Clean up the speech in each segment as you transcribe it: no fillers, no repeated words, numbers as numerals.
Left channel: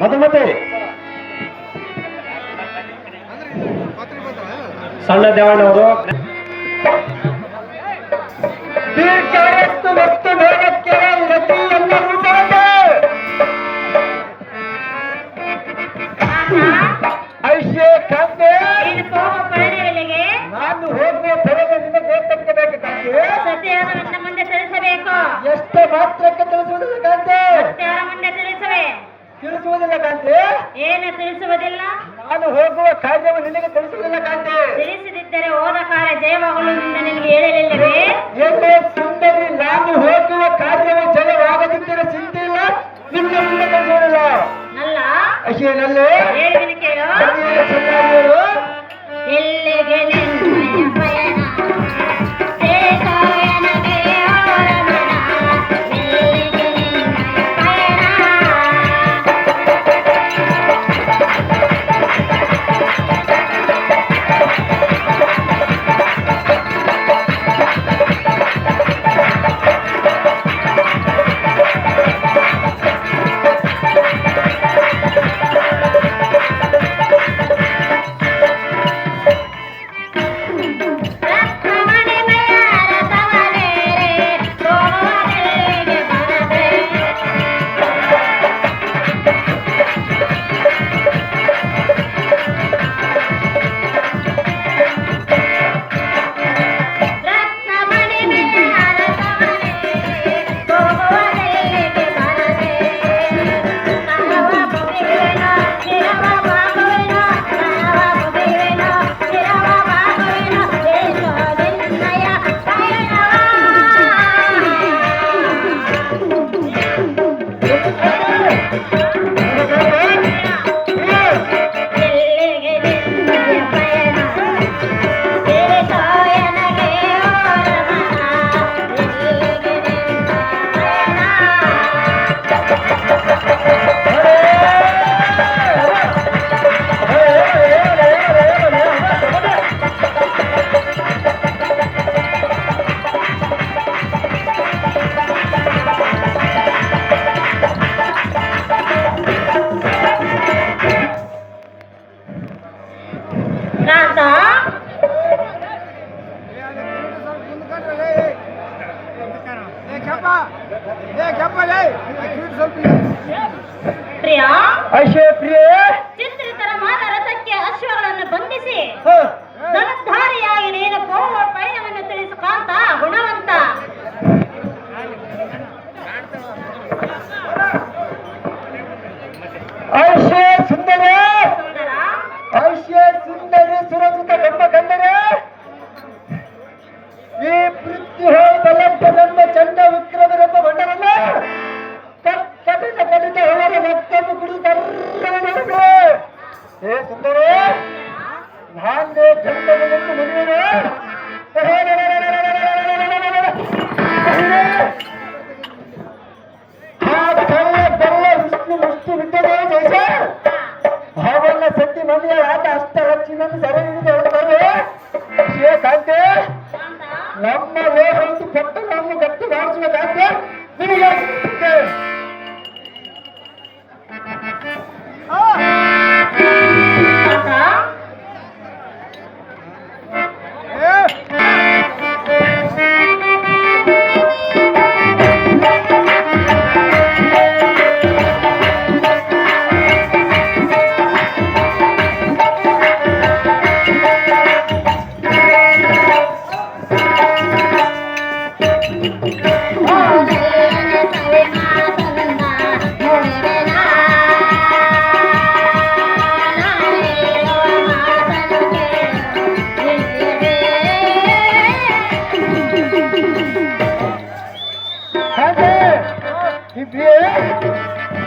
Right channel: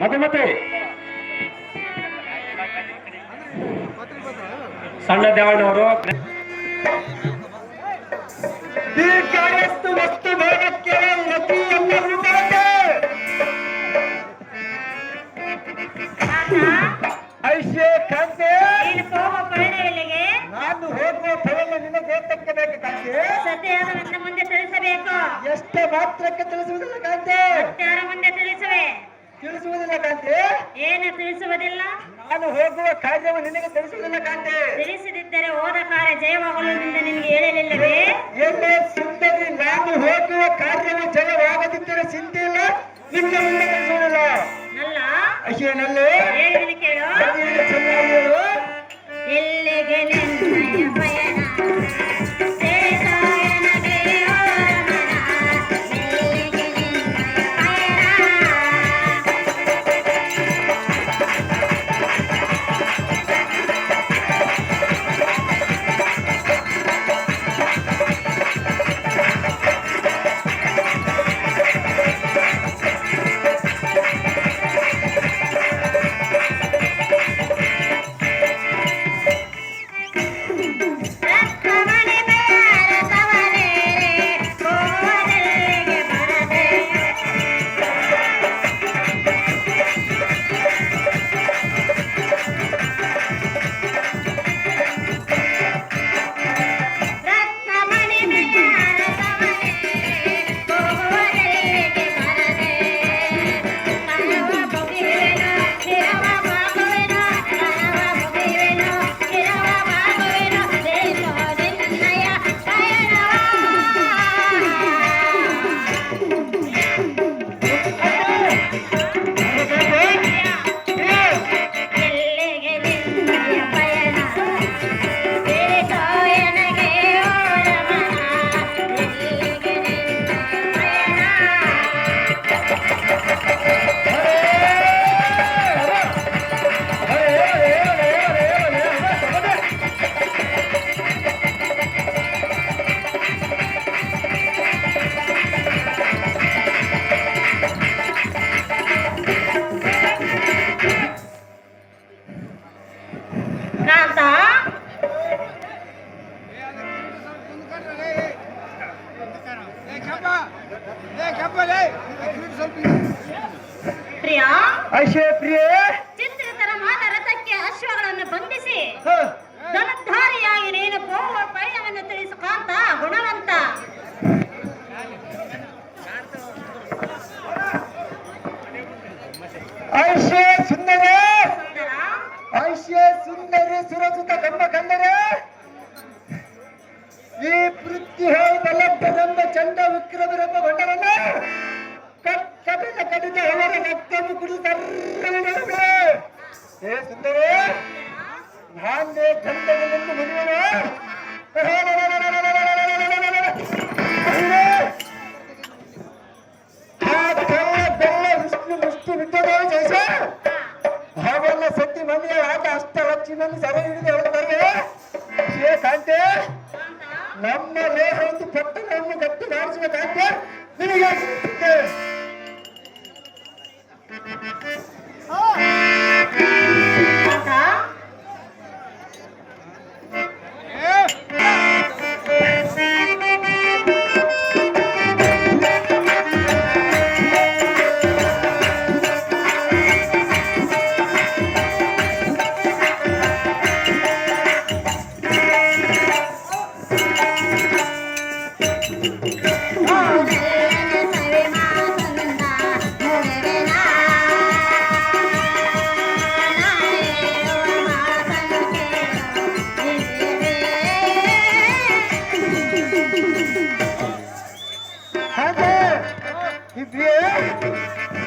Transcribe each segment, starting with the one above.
ಮಧುಮತಿ ಸಣ್ಣ ದೇವಣ್ಣವರು ನಾನು ಹೋಗುವ ಫಲದ ನಿಮಗೆ ತಕ್ಕಬೇಕು ಕಾಂತೆ. ಸತ್ಯವನ್ನು ಮುಂದೆ ತಿಳಿಸಬೇಕು. ಎಷ್ಟು ಮಾತ್ರಕ್ಕೆ ತಿಳಿಸುವುದಿಲ್ಲ ಕಾಂತೆ. ಮುಂದೆ ತಿಳಿಸುವೆ. ತಿಳಿಸುವುದಿಲ್ಲ ಕಾಂತೆ. ಏನು ತಿಳಿಸುವುದಿಲ್ಲ? ನಾನು ಹೋಗುವ ಕಾರ್ಯವು ನಿನಗೆ ತಿಳಿಸುವುದಿಲ್ಲ ಕಾಂತೆ. ತಿಳಿಸದಿದ್ದರೆ ಹೋದ ಕಾರ್ಯ ಜಯವಾಗಲು ನಿನಗೆ ಹೇಳಲಿಲ್ಲವೇ? ಎಲ್ಲೇ ಸುಂದರಿ, ನಾನು ಹೋಗುವ ಕಾರ್ಯವು ಜಯವಾಗದಿದ್ದರೆ ಚಿಂತೆ ಇಲ್ಲ, ನಿನ್ನ ಮುಂದೆ ತಿಳಿಸುವುದಿಲ್ಲ. ನಲ್ಲ ಅಶೇನಲ್ಲೇ ಹೇಳುವಿನ ಕೇಳು. ಚೆನ್ನಾಗಿ ಹೇಳು. ಎಲ್ಲಿಗೆ ನಿನ್ನಯ ಪಯಣ ಸೇತಾಯನಗೆ ಓರಮನ, ಎಲ್ಲಿಗೆ ನಿನ್ನಯ ಪಯಣ. ಪ್ರಿಯ ಚಿತ್ರಿತರ ಮಾದ ರಥಕ್ಕೆ ಅಶ್ವಗಳನ್ನು ಬಂಧಿಸಿ ಧನಧಾರಿಯಾಗಿ ನೀನು ಹೋಗುವ ಪಯಣವನ್ನು ತಿಳಿಸು ಕಾಂತ ಗುಣವಂತ. ಸುಂದರಿ ಸುರಸುತ ಗಂಬ ಗಂಡರೆ, ಈ ಪೃಥ್ವಿಹೋದಲೆಂಬ ಚಂಡ ವಿಕ್ರಮರೆಂಬ ಬಣ್ಣವನ್ನ ಕಟ್ಟಿದ ಕಡಿತ ಅವರ ರಕ್ತವನ್ನು ಕುಡಿದು ಹೇ ಸುಂದರಿ, ನಾನೇ ಗಂಡನೆಂದು ಮದುವೆ ಮುಷ್ಟಿ ಬಿಟ್ಟದೆ ಜೈಸ ಅವನ್ನ ಸತ್ತಿ ಮಂದಿಯ ಆಟ ಅಷ್ಟ ಲಕ್ಷಿ ಮಂದಿ ಸರಿ ಹಿಡಿದು ಹೇಳ್ತಾರೆ. ಕಾಂತೆ, ನಮ್ಮ ಲೇಹತ್ತು ಪಟ್ಟ ನಮ್ಮ ಗಟ್ಟು ಮಾಡಿಸಬೇಕಾದ್ರೆ ನಿನಗೆ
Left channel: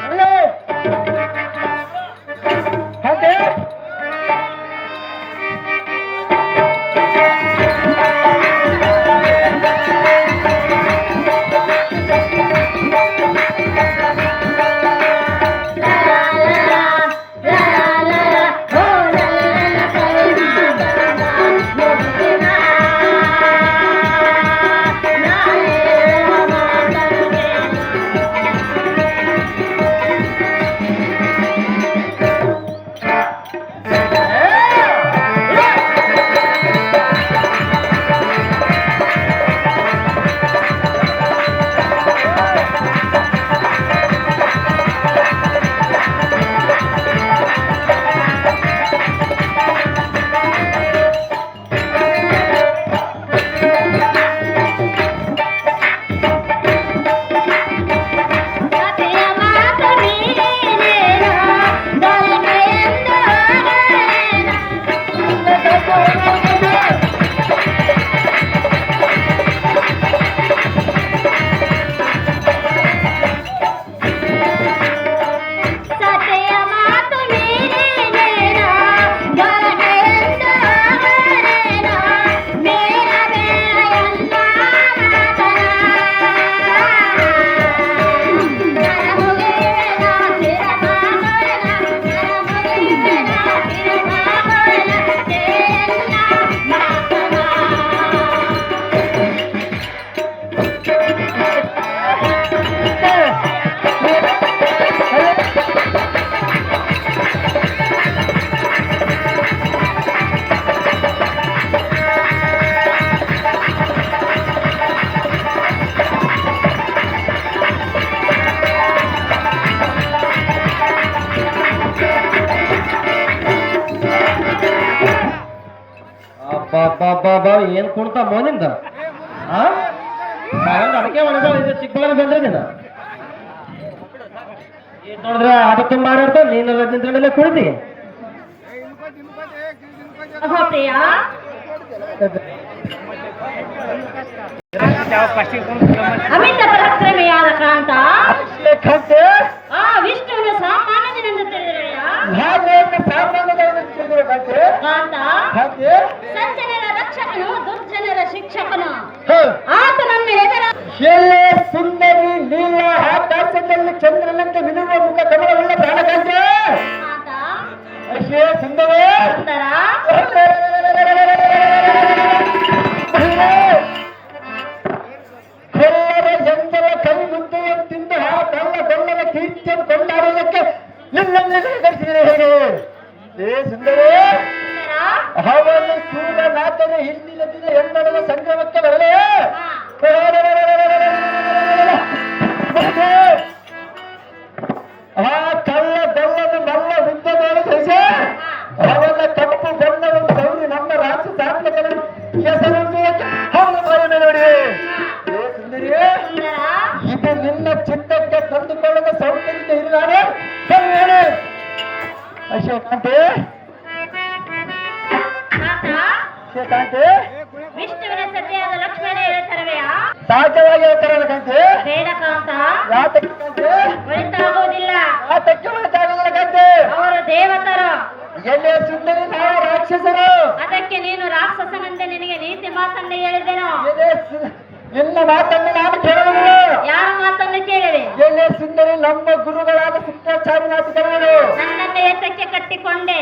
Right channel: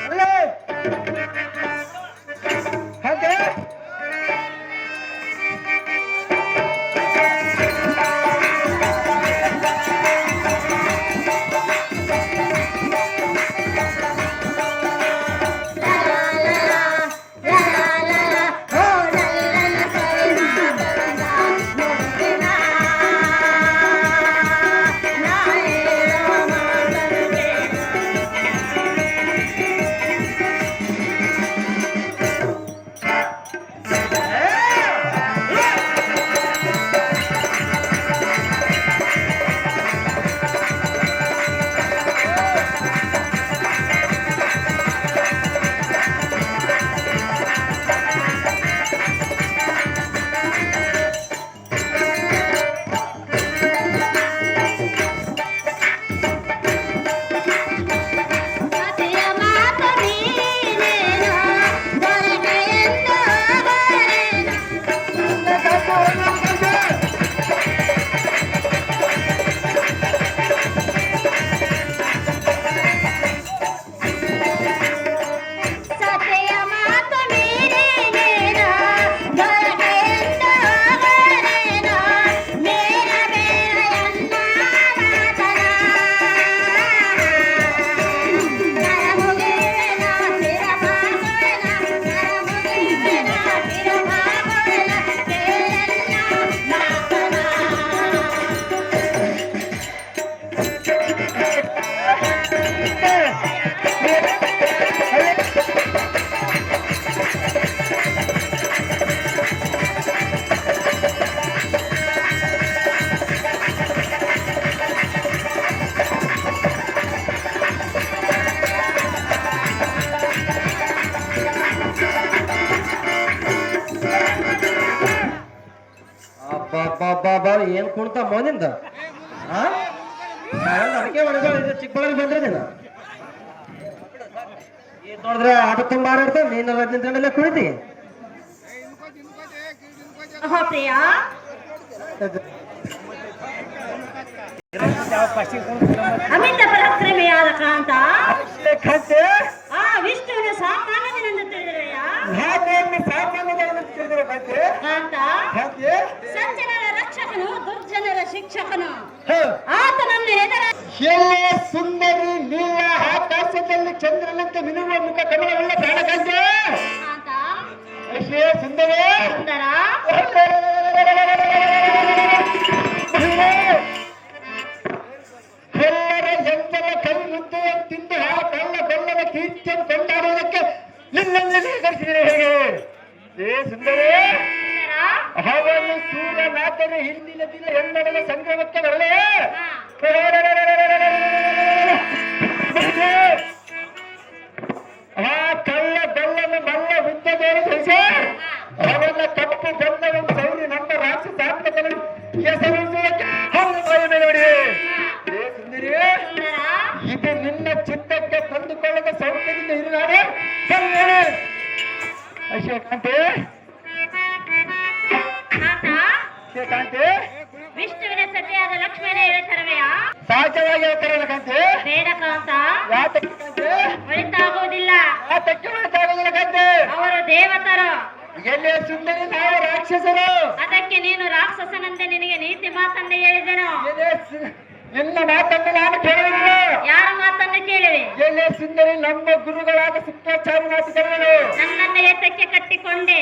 ಅಲ್ಲೇ ಹಾಗೆ ಏನ್ ಕುಣ್ತಾ ಮೋನಿಂದ ಅದಕ್ಕೆ ಒಣಗ ಚಿಕ್ಕಬಳ್ಳಾಪುರ ಬಂದ್ರೆ ನೀನು ನೋಡಿದ್ರೆ ಅದು ತುಂಬ ಆಡಾಡ್ತಾವ ನೀನು ನಿಂತ ಮೇಲೆ ಕುಳಿತಿ ಪ್ರಿಯ ಅಮಿತ ಪರಾಕ್ರಮಿಯಾದ ಕಾಂತ ಆ ವಿಷ್ಣುವಿನ ಸಾಮಾನ್ಯನೆಂದು ತಿಳಿದಿರುವೆಯ ಕಾಂತ ಸಜ್ಜನರ ರಕ್ಷಕನು ದುರ್ಜನರ ಶಿಕ್ಷಕನು ಆತನನ್ನು ಎದುರ ಎಲ್ಲೇ ಸುಂದರಿ ನೀಲ ಆಕಾಶದಲ್ಲಿ ಚಂದ್ರನಂತೆ ಮಿನುವ ಮುಖ ಕಮಲವುಳ್ಳ ಪ್ರಾಣಕಾಂತೆ ಕಾಂತ ಅಷ್ಟೇ ಸುಂದರ ಸುಂದರ ಎಲ್ಲರ ಜನರ ಕೈ ಮುದ್ದೆಯನ್ನು ತಿಂದು ಆ ಕಳ್ಳ ಕೊಲ್ಲದ ಕೀರ್ತಿಯನ್ನು ಕೊಂಡಾಡುವುದಕ್ಕೆ ನಿನ್ನಲ್ಲಿ ಕಳಿಸಿದರೆ ಹೇಗೆ ಏ ಸುಂದರೇ ಅವನು ಸೂರ್ಯನಾಥನ ಹಿಂದಿನ ದಿನ ಎಂದಡದ ಸಂಗಮಕ್ಕೆ ಬರಲೇ ಆ ಕಳ್ಳ ಕೊಲ್ಲದ ಮಲ್ಲ ವಿದ್ಯೆ ಸಹಿಸಿ ಅವನ ತಪ್ಪು ಬಣ್ಣವನ್ನು ಸೌರಿ ನಮ್ಮ ರಾಕ್ಷಸಾತ್ಮಕನ ಹೆಸರಿಸುವುದಕ್ಕೆ ಹೌದು ನೋಡಿ ಏ ಸುಂದರಿ ಇದು ನಿನ್ನ ಚಿತ್ತಕ್ಕೆ ತಂದುಕೊಳ್ಳದ ಸೌಖ್ಯದಿಂದ ಇರುವಾರೆ ಹೇಳಿ ಅಶೋಕಾಂತೆ ಕಾಂತೆ ವಿಷ್ಣುವಿನ ಸತಿಯಾದ ಲಕ್ಷ್ಮಣೇನ ತರವೆಯ ಸಹಜವಾಗಿ ಹೇಳ್ತಾರಲ್ಲಕಂತೆ ಬೇಡ ಕಾಂತ ಯಾತಕ್ಕೆ ಒಳಿತಾಗುವುದಿಲ್ಲ ಯಾತಕ್ಕೆ ಹೊರತಾಗಲ್ಲ ಕಂತೆ ಅವರು ದೇವತರು ಎಲ್ಲಿಯ ಸುಂದರಿ ನಾವು ರಾಕ್ಷಸರು ಅದಕ್ಕೆ ನೀನು ರಾಕ್ಷಸನಂತೆ ನಿನಗೆ ನೀತಿ ಮಾತನ್ನು ಹೇಳಿದೆನು ನಿನ್ನ ಮಾತನ್ನು ನಾನು ಕೇಳುವುದಿಲ್ಲ ಯಾರ ಮಾತನ್ನು ಕೇಳಿದೆ ಎಲ್ಲಿಯ ಸುಂದರಿ ನಮ್ಮ ಗುರುಗಳಾದ ಶುಕ್ರಾಚಾರ್ಯ ಮಾತು ಕೇಳುವುದು ನನ್ನನ್ನು ಎತ್ತಕ್ಕೆ ಕಟ್ಟಿಕೊಂಡೆ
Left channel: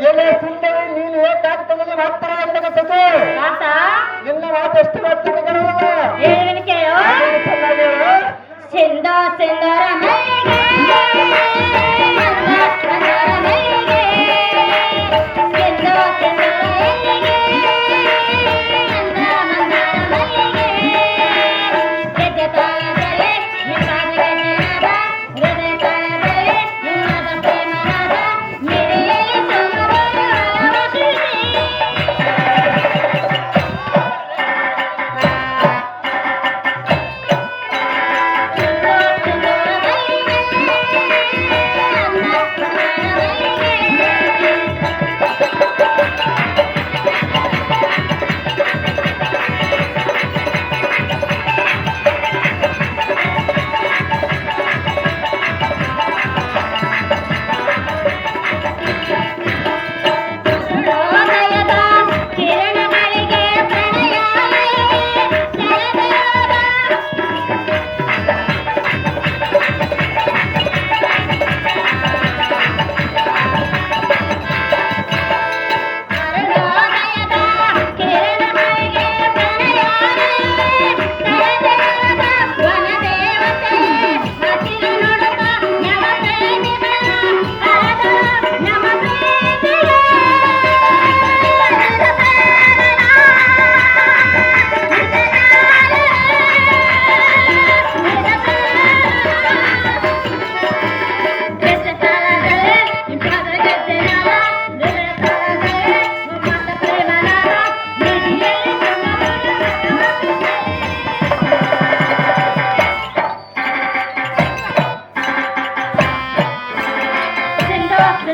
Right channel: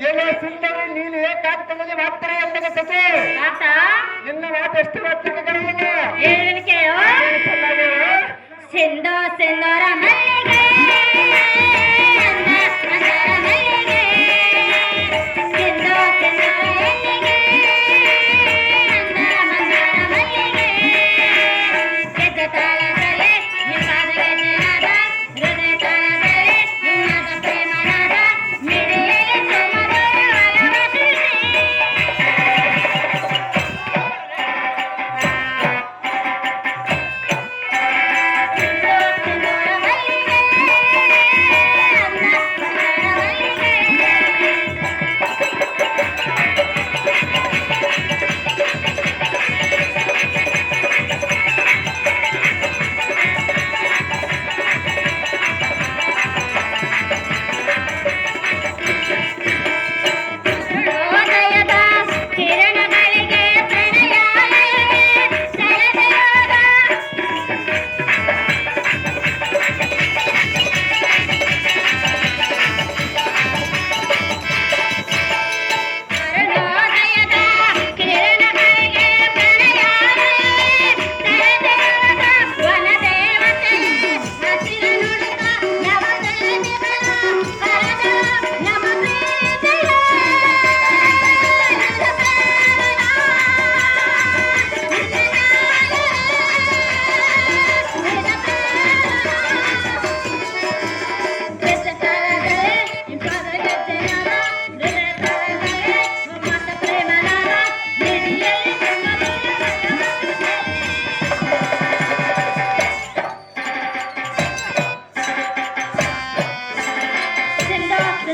ಎಲ್ಲಿಯ ಸುಂದರಿ ನೀನು ಏಕಾಂತದಲ್ಲಿ ಮಾತ್ರ ಅಂತ ಸತು ಕಾಂತ ನಿನ್ನ ಮಾತು ಎಷ್ಟು ಮಾತ್ರ ಕೇಳುವುದಿಲ್ಲ ಏನು ಕೇಳು ಸಿಂಧ ಸಿಂಧರ ಮೈಗೆ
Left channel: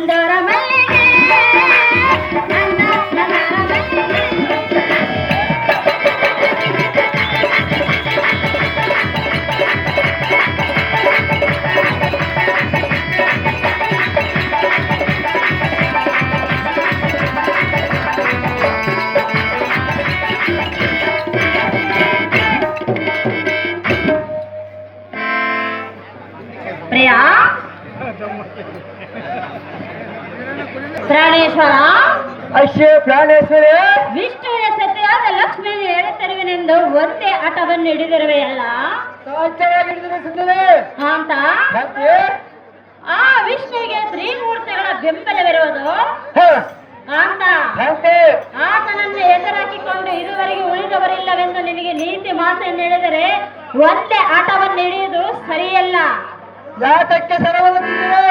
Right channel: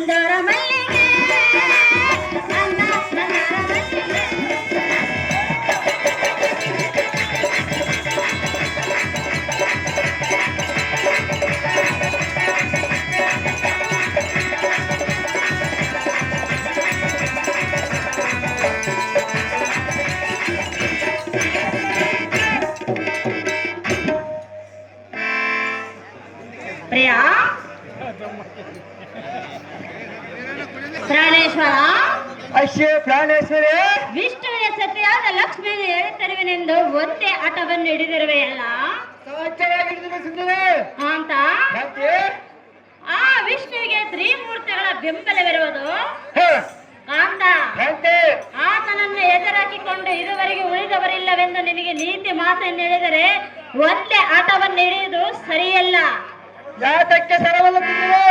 ನಂದರ ಮಲ್ಲಿಗೆ ನನ್ನ ನಂದರ ಮಲ್ಲಿಗೆ. ಪ್ರಿಯಾ ಪ್ರಾಣೇಶ್ವರ ಅಶ್ಯ ಪ್ರಾಣೇಶ್ವರಿ ವಿಷ್ಣುವಿನ ಸತಿಯಾದ ಲಕ್ಷ್ಮಿಯನ್ನು ಎಳೆತರುವೆನೆಂದು ಒಂದೇ ಆಟವನ್ನು ಹಿಡಿದಿರುವೆಯಲ್ಲ ಸಾಧ್ಯವಾಗಿದ್ದರೆ ಸುಂದರಿ ಅಂತ ಕಾಂತಿ ಆ ವಿಷ್ಣುವಿಗೆ ತ್ರಿಮೂರ್ತಿಗಳ ಬೆಂಬಲವಿರುವುದು ಅಂತ ಕಾಂತಿ ಆತನನ್ನು ಎದುರಾಕಿಕೊಂಡು ಇದುವರೆಗೆ ಉಳಿದವರಿಲ್ಲವೆಂದು ನಿನಗೆ ನೀತಿ ಮಾತನ್ನು ಹೇಳಿದರೆ ಒಂದೇ ಆಟವನ್ನು ಹಿಡಿಯುವುದು ಸರಿಯಲ್ಲ. ಯಾತಕ್ಕೆ ಸರವನ್ನು ತಿಂದಿದೆ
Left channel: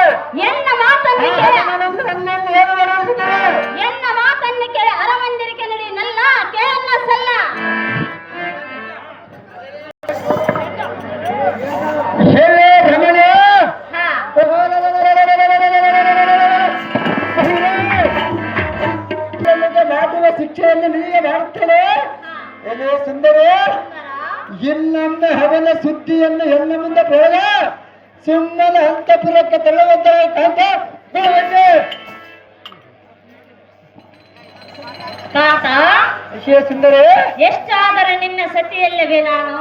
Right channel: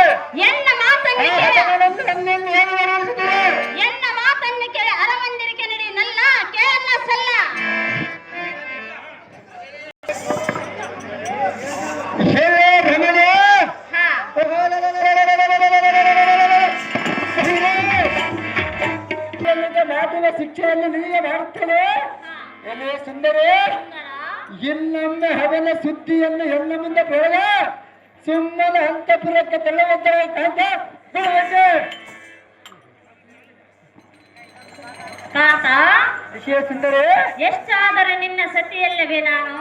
ಎನ್ನ ಮಾತನ್ನು ಕೇಳಿ ಏನು ಎನ್ನ ಮಾತನ್ನು ಕೇಳಿ ಅರಮಂದಿರಕ್ಕೆ ನಡಿ ನಲ್ಲ ಕೇಳನ್ನ ಸಲ್ಲ. ಹೇಳೇ ಭ್ರಮಣೆ ಹಾ ಮಾತಿನ ಶಿಕ್ಷೆಯನ್ನು ನಿನಗೆ ಮಾಡುತ್ತೇನೆ ಎಲೆ ಸುಂದರಿ. ಇನ್ನೊಮ್ಮೆ ಅವನ ಸುದ್ದಿಯನ್ನು ಹೆಣ್ಣ ಮುಂದೆ ಬೇಡ ಸುಮ್ಮನೆ ಅಂತಪುರಕ್ಕೆ ತಳ್ಳುವಂತೆ ಕಾಂತ ತಾತ ಸುಂದರಿ ಎಷ್ಟಾದರೂ ನಿನ್ನ ಸತಿಯಲ್ಲವೇ ನಾನು